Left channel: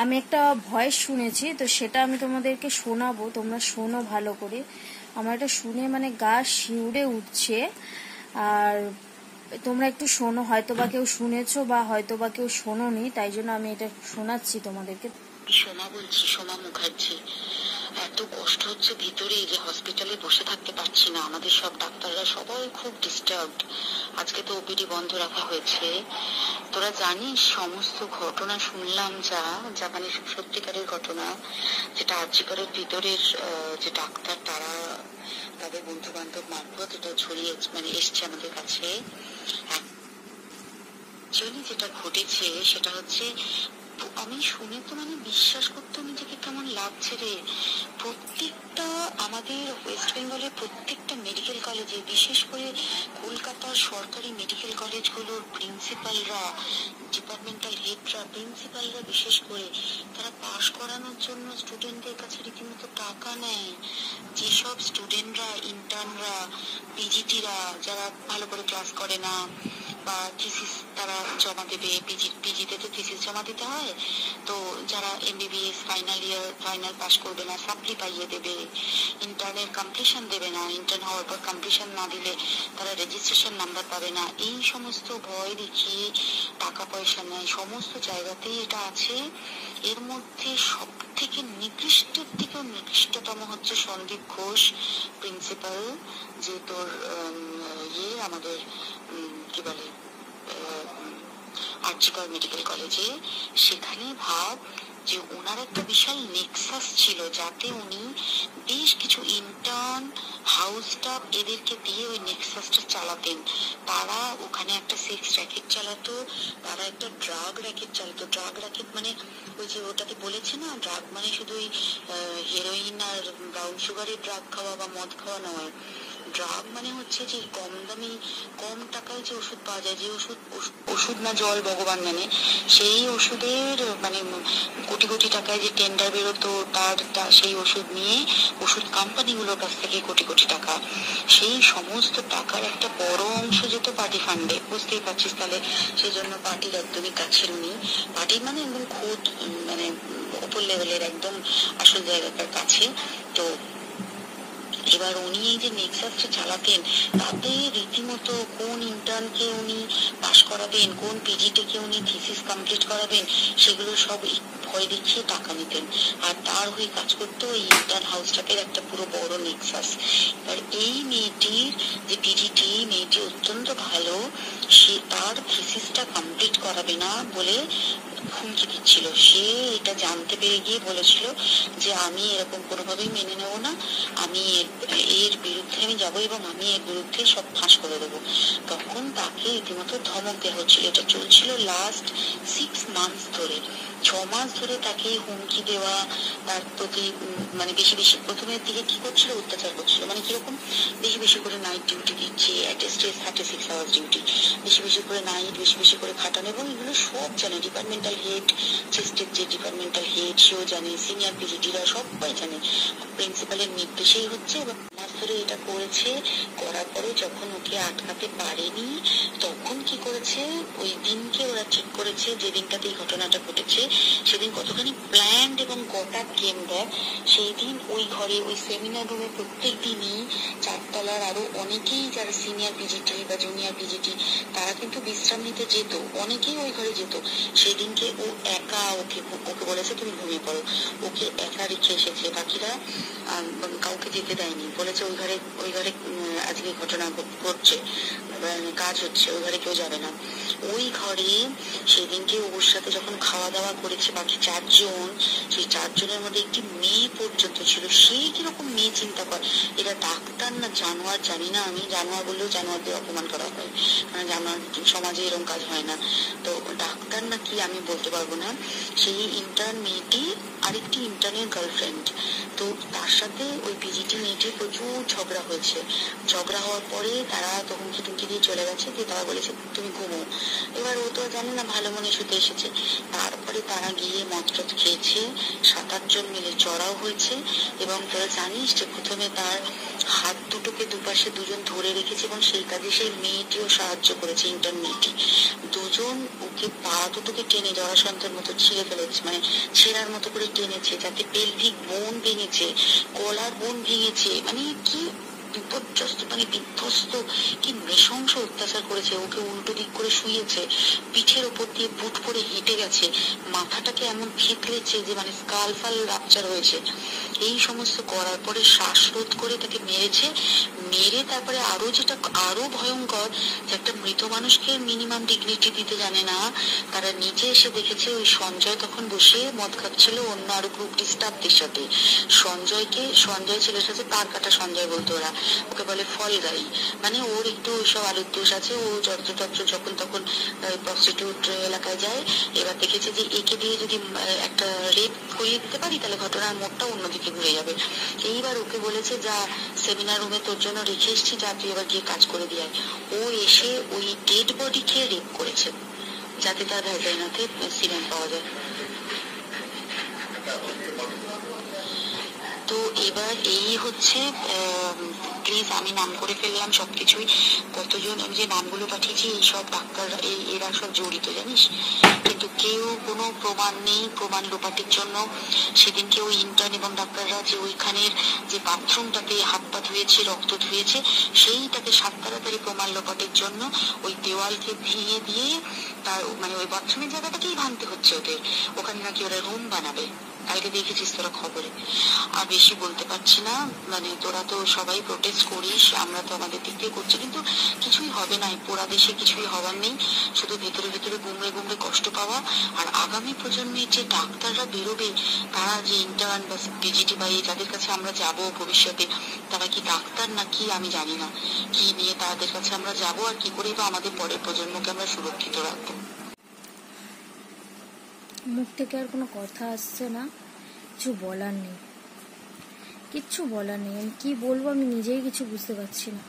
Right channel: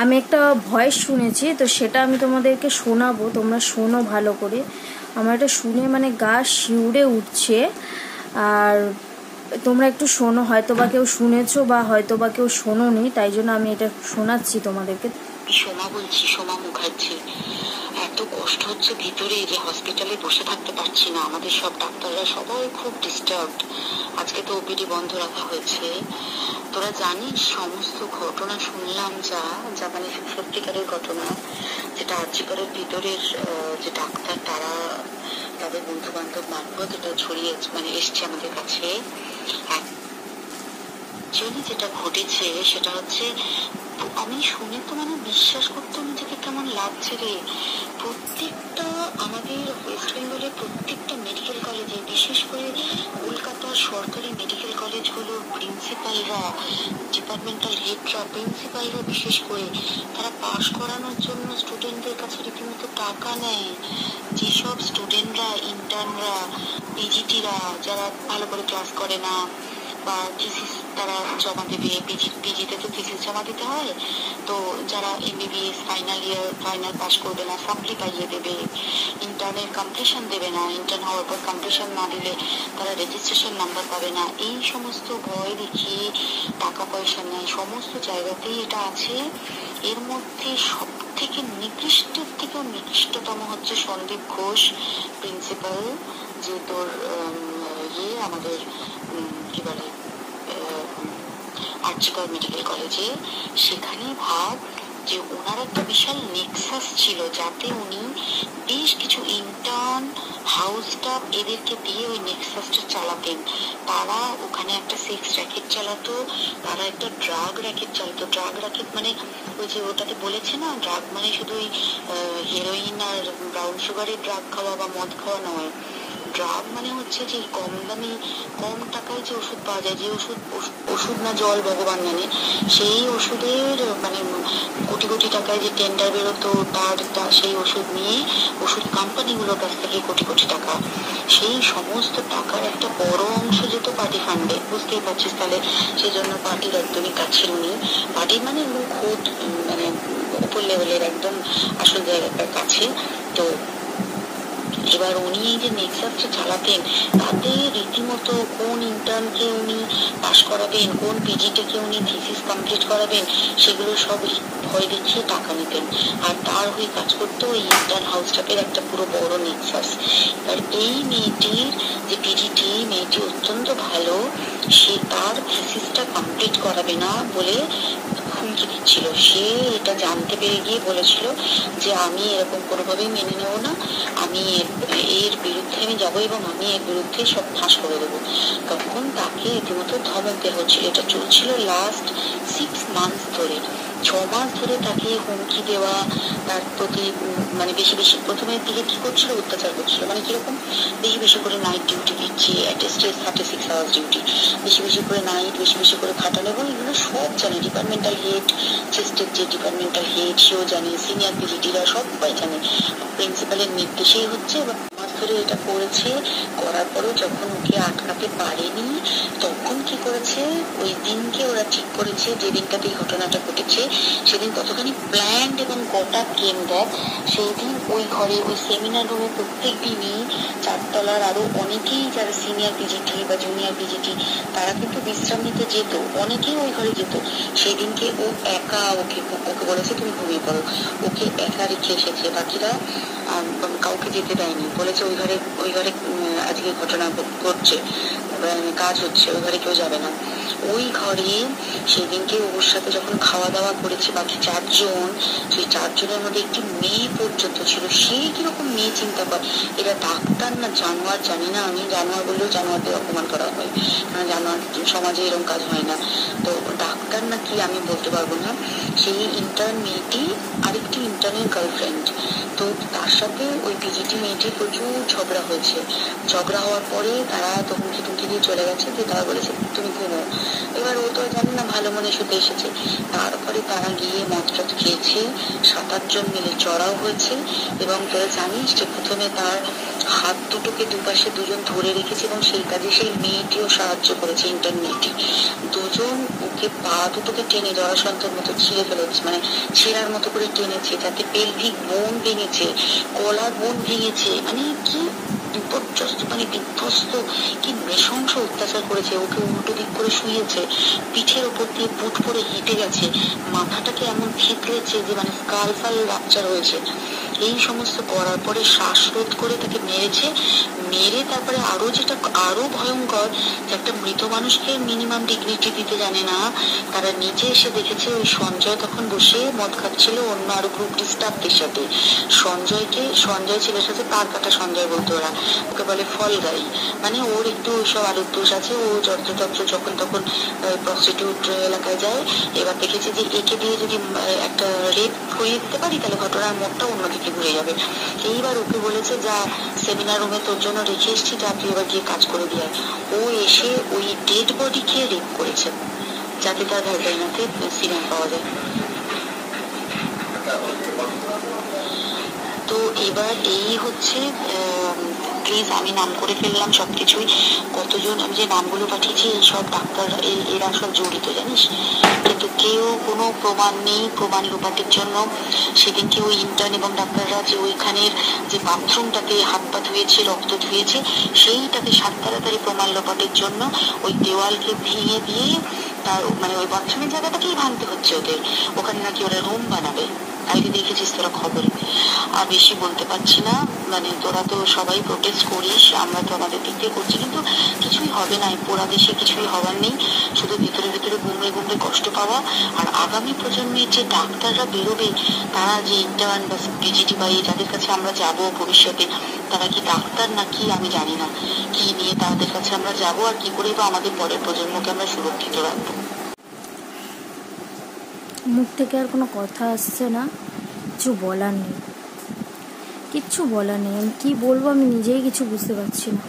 আমি একটা ভয়েস শুনেছি, তো সেটা আমি তোমাদেরকে শোনাবো, তোমরা শোনো ভালো করে। আমার এটা শুনে মানে গা শিউরে উঠছে। আর তোমরা একটু শোনো, হয়তো বা কেউ শুনেছো বা হয়তো বা কেউ শোনোনি, তাই জন্য আমি এটা শোনাচ্ছি তোমাদেরকে। সোমা বলছি, সোমা মুখার্জি। এত কষ্ট হচ্ছে ভিতরে যে হসপিটালে বসে থাকতে পারছি না। আমাদের সব ডাক্তাররা সবাই খুব ডিস্টার্বড। আজকে তো ওপিডি বন্ধ রাখা হয়েছে। তোরা জানিস সমস্ত ঘটনা শুনলাম, যা যা মানে সত্যিকারের ঘটনা, যেটা আর্জিকরের ভিতরের যে ডাক্তার তারা তাদের বন্ধু বান্ধব মারফত এটা ছড়িয়ে মানে এসছে আমাদের কাছে। অ্যাকচুয়ালি যেটা ঘটেছে সেটা হচ্ছে, আমি শুনে তো মানে বিশ্বাস করতেও নিজেকে কেমন লাগছে রে। প্রত্যেকটা আমাদের ওয়েস্ট বেঙ্গলের প্রত্যেকটা মেডিকেল কলেজে, বিশেষ করে কলকাতার সরকারি মেডিকেল কলেজগুলোর প্রিন্সিপালরা, ডিপার্টমেন্টাল হেডরা, প্রিন্সিপালরা বিশেষ করে, তারা পাশ করানোর জন্য স্টুডেন্টদের কাছে রীতিমতো টাকা নেয়। যেসব স্টুডেন্টরা, ইন্টার্নরা, পিজিটিরা যারা ভালো করে ক্লাস করে না বা থিসিস তারা জমা দেবে, পিজিতে তো থিসিস জমা দিতে হয়, তো যারা MBBS final year final pass করবে না সাপ্লি পাইয়ে দেবে, ইন্টার্নের কমপ্লিশন দেবে না, ইন্টার্ন হওয়ার পর কমপ্লিশন না দিলে তারা রেজিস্ট্রেশন নাম্বার পাবে না, এই সমস্ত ভয় দেখিয়ে টাকা পয়সা নেয়। সমস্ত জায়গাতেই এটা আছে। এর মধ্যে সব থেকে নিকৃষ্টের থেকেও নিকৃষ্টতম হচ্ছে সন্দীপ ঘোষ, প্রিন্সিপাল, যে তোর আমাদের কি বলে আর্জিকর মেডিকেল কলেজে। সেখানে ভাব যে ওনার একটা বিশাল নেক্সাস ছিল, যাতে উনি বেশ কিছু ইন্টার্ন, হাউস স্টাফ এদেরকে দিয়ে ওই নেক্সাসটা চালাতেন। তারা ওখানে একটা সেক্স র্যাকেট চালাতো, তারা একটা ড্রাগ র্যাকেট চালাতো। ড্রাগ র্যাকেট মানে ওই যে ওটাতে বলেছে না, ড্রাগ মানে শুধু ওই হেরোইন আর ব্রাউন সুগারের ড্রাগ খাওয়া বা মদ খাওয়া নয়। ড্রাগ মানে হচ্ছে যে কম দামি কম টাকায় যে ওষুধ পাওয়া যায়, যে ওষুধ না জল ভগবান জানে, সেই ওষুধের মানে কোটি কোটি টাকায় যে টেন্ডার বেরোতো, তার সেই ওষুধ নিয়ে ওষুধ কোম্পানিগুলোর কাছ থেকে কোটি কোটি টাকা, সেই সমস্ত টাকার একটা বড় অংশ যেত পার্টি ফান্ডে। বুঝতেই পারছিস তাহলে সেই জন্য পার্টির একদমই কাছের উনি। পার্টি মানে খোদ মানে উপর লেভেলের একদম আসল জায়গাটার কাছে। তো এবার উনি এই যে নেক্সাসটা চালাতেন, তাতে রীতিমতো কোন ইন্টার্নকে উনি পাশ করাবেন, কোন পিজিটিকে উনি থিসিস কমপ্লিট করাবেন, সেগুলো সব ভয় দেখিয়ে টাকা নিতেন। আর তার হয়ে কাজ করতো ওই ইন্টার্ন হাউস স্টাফের একটা পুরো বড় নেক্সাস। এবার এই মেয়েটির যে পিজিটি, মেয়েটি অত্যন্ত ভালো, সে তার থিসিসটা কমপ্লিট করাবে না বলে হুমকি দিচ্ছিল। সে এটা জানতে পেরে গিয়ে বলেছিল যে আমি এরকম কোনোভাবেই মেনে নেব না, আমি এর বিরুদ্ধে আমি যাবো এবং আমি এর বিরুদ্ধে সব ফাঁস করে দেবো। তখন তাকে রীতিমতো ধমক দেওয়া হচ্ছিল। এটা চলছিল লাস্ট 6 মান্থ ধরে, 6 মাস ধরে তাকে হুমকি দেওয়া, তার প্রতি মানে বেশি বেশি প্রথমের দিকে কি করছিল, অত্যাচার করছিল। মানে কিরকম, বেশি বেশি করে নাইট ডিউটি দিচ্ছে, অ্যাটেস্টেড 36 আওয়ার্স ডিউটি, বেশি বেশি করে নাইট, বেশি বেশি করে খাটানো। এবং এগুলো সব জানে ডিপার্টমেন্টাল হেড, চেস্টের যে ডিপার্টমেন্টাল হেড সেও জানে, সিনিয়র পিজিটিরা সবাই জানে। প্রিন্সিপালের নির্দেশেই হচ্ছে। মাস ধরে এটা করেছে, করার পরেও যখন ওকে আটকাতে পারেনি, তখন কি করেছে, ওই দিনকে ওরা ঠিক করেছে, যে দিনটাতে এই ঘটনাটা ঘটেছে সেদিন কতখানি প্ল্যান্ড এবং গোটা কেন্দ্র। সেই দিন ওই ঘরে, ওই সেমিনার রুমে প্রত্যেক দিনই 4 তলার আরো অনেকেই যারা সিনিয়র পিজিটি বা জুনিয়র পিজিটি তারা কিন্তু বিশ্রাম নিতে যেত, অনেকেই ওই ঘরে যেত। সেদিনকে ও একা, ওকে বলেছে তুমি ঘুমিয়ে পড়ো, ওকে একা রেখে এসেছে, বাকিরা কাউকে যেতে দেয়নি। বলেছে ওই ঘরে আজকে ঘটনা ঘটছে, কাজ হচ্ছে, ওই ঘরে কেউ যাবে না। ওই ঘরে সেদিনকে ওর সাথে যখন খাওয়া দাওয়া করেছে বাকি 4 জন, সেই 4 জনের মধ্যে একটি মেয়ে পর্যন্ত ছিল। সেই কিরকম মেয়ে চিন্তা কর, এরা ডাক্তার না জানোয়ার জানি না, আমি জানোয়ার বললেও জানোয়ারদের অপমান করা হয়, জানোয়ার সমাজে এরকম কাজ হয় না। তো ডাক্তার না কি আমি বলতে পারবো না। সেই ইন্টার্ন মেয়েটি আরেকটি ইন্টার্নের গার্লফ্রেন্ড, তো তার সাথে ওই পিজিটি মেয়েটির প্রচুর ঝগড়া হয়েছে। ঝগড়া হওয়ার পরে তারা তো হুমকি টুমকি দিয়ে চলে গেছে, যে তারা বলেছে তুমি ঘুমো। এবার ও তো জানে না, ভালো মনে শুতে এসেছে। তারপরে তারা গিয়ে মদ খেয়েছে, 7-8 জন মিলে চড়াও হয়েছে। এবং তোরা জানিস যে প্রথমে তার হাত দুটোকে দুপাশে দুজন ধরে রেখেছে এবং সেই কাজে সেই মেয়েটিও সাহায্য করেছে, ইন্টার্ন মেয়েটি। দুজন ওকে পা দুটোকে টেনে জরাসন্ধের মতো ছিঁড়ে ফেলেছে, মানে ছেঁড়ার মতো করে টেনেছে, যাতে পেলভিক বোন ভেঙেছে, গলার বোন ভেঙেছে। মানে কি বিপর্যস্ত, মানে বিধ্বস্ত, কি নৃশংস অত্যাচার করেছে। ওকে উল্টো দিক করে শুয়েছে, পিঠের ওপর দিয়ে বুট পরে হেঁটে গেছে, মাথাটাকে এমন থেতলেছে যে মানে স্কাল ফাল রাপচার হয়েছে। এই সমস্ত করার পরে শ্বাসরোধ করে তাকে মেরেছে। মেরে তারপরে আরো ভয়ঙ্কর, যে একটা মৃত মানুষকে মিনিমাম ডিগনিটি দিতে জানে না। তারা নিচে এসে দেখেছে ওই সঞ্জয় তখন বসে মদ খাচ্ছিল অন্য আরো গ্রুপ স্টাফদের সাথে। সঞ্জয় ছেলের সাথে তার কাটা সঞ্জয় বলতো ওরা, ওকে বলে ফল গাই। মানে ওর একটু ওইসব আলুর দোষ আছে, ও যত্র যখন তখন প্রস্টিটিউট এলাকায় যায়। এবার দেখেছে যে একে দিয়ে যদি একটা রেপ করিয়ে দিতে পারি তাহলে ঘটনার মোড়টা অন্যদিকে ঘুরে যাবে। এইবার ওকে বলেছে, যা সেমিনার রুমে তোর জন্য রেখে এসছি, যা তুই এবার গিয়ে কাজ করে দিয়ে। ও এসে ওই ডেড বডিকে রেপ করেছে যাতে তার ভ্যাজাইনাতে সিমেন্ট পাওয়া যায়। তো এবার এই হচ্ছে, প্লিজ আমি নাম করে ফেললাম সবকিছুই। কতজন আমি যে নামগুলো পাঠিয়েছি এই সব ডাক্তার, এরা সব জড়িত জানিস, কিন্তু কেউ কোনো প্রমাণ নেই। প্রমাণ লোপাটের জন্য সেদিনকে ওই ইন্টার্ন এবং ডাক্তাররা যে ওইখানের যে বাথরুমটাতে হাত পা ধুয়েছে, রক্ত ধুয়েছে, সেইটাকে তাড়াতাড়ি প্রমাণ লোপাটের জন্য ওই দেওয়ালকে ভেঙে দিয়ে তার মানে ওই বাথরুমের জায়গাটাকেই ভাঙতে হচ্ছে ওদের। ওখানে নাকি ওরা রুম বানাবে। আগে দেখেছিস তোরা খবরে। আর বেশি বলতে পারছি না, মানে তোরা তো সবাই প্রোটেস্ট করিস, আমরা তো আমাদের দিক দিয়ে করছি, কিন্তু কিছুই হবে না। পোড়া দেশে কিছুই হবার নেই, শুধু ভিতরে ভিতরে গুমড়ে কষ্ট পাওয়া। আর আগামী প্রজন্মের যে ডাক্তাররা বেরোবে, তারা যে ইন্টার্ন বা পিজিটি বা যাদের কাছে আমরা যাব ভবিষ্যতে, তারা কি ডাক্তার নাকি আমি জানি না, কি নিয়ে তাদের কাছে আমরা যাব আর কি করে বা আমাদের পরের প্রজন্মকে আমরা সুরক্ষিত রাখবো। মুখ থেকে আর কোনো কথা আসছে না, কিছু বলার নেই, কিচ্ছু বলার নেই। আমি কি বলবো আমি নিজেই কিছু বুঝতে পারছি না।